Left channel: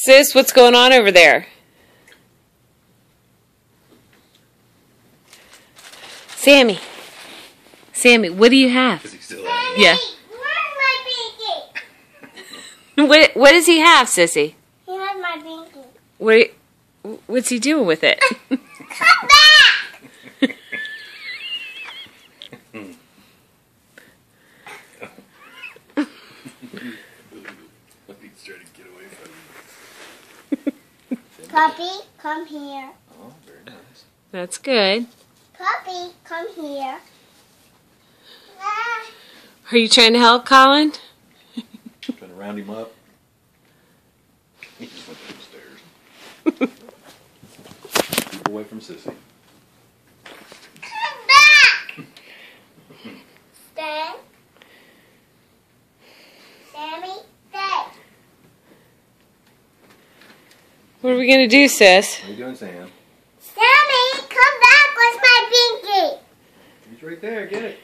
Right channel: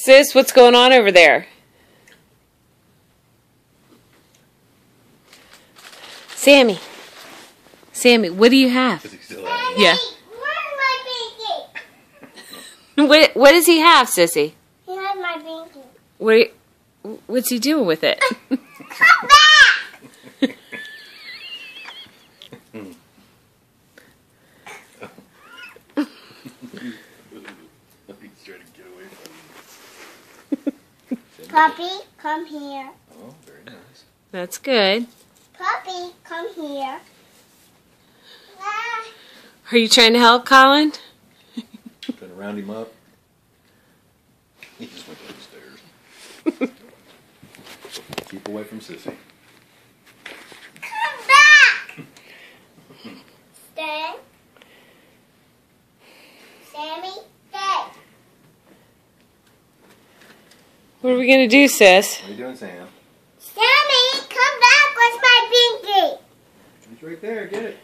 Sis, what's going on over there? Sammy. Sammy, what do you have? Yeah. Where's my binky? What does he have, Sissy? He has my binky. What's he doing with it? Come back! He's trying to get away from you. Puppy, come here. Oh, very nice. That's good. Puppy, come here. Ah. Are you trying to help, Colin? Trying to round him up. He just went downstairs. Keep away from Sissy. Come back! Stay. Sammy, stay. What are we going to do, sis? What are you doing, Sam? Sammy, come back with my binky. He's right there. Get it.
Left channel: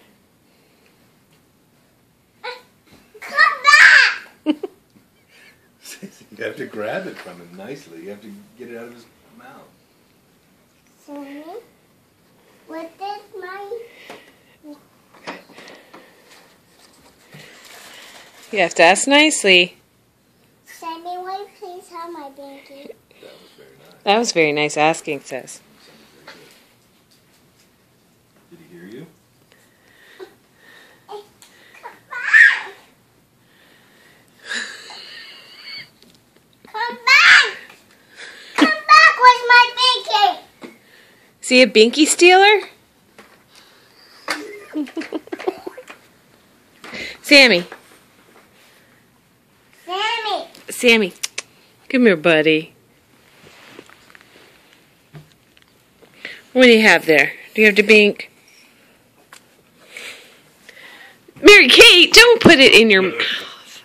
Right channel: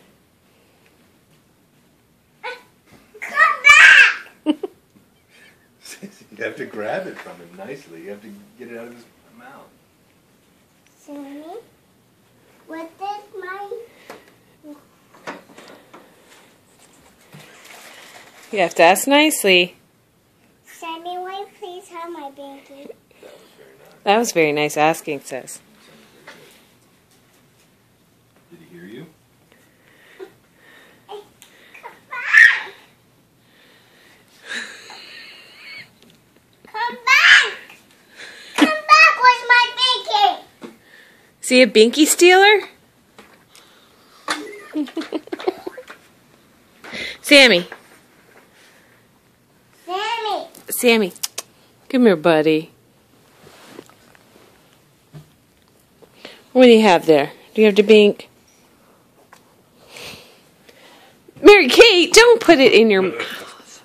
Come back! Sissy, you have to grab it from him nicely. You have to get it out of his mouth. Sammy, what is my... You have to ask nicely. Sammy, will you please have my binky? That was very nice asking, sis. Did he hear you? Come back! Come back! Come back with my binky! Is he a binky stealer? Sammy. Sammy! Sammy. Come here, buddy. What do you have there? Do you have the bink? Mary Kate, don't put it in your mouth.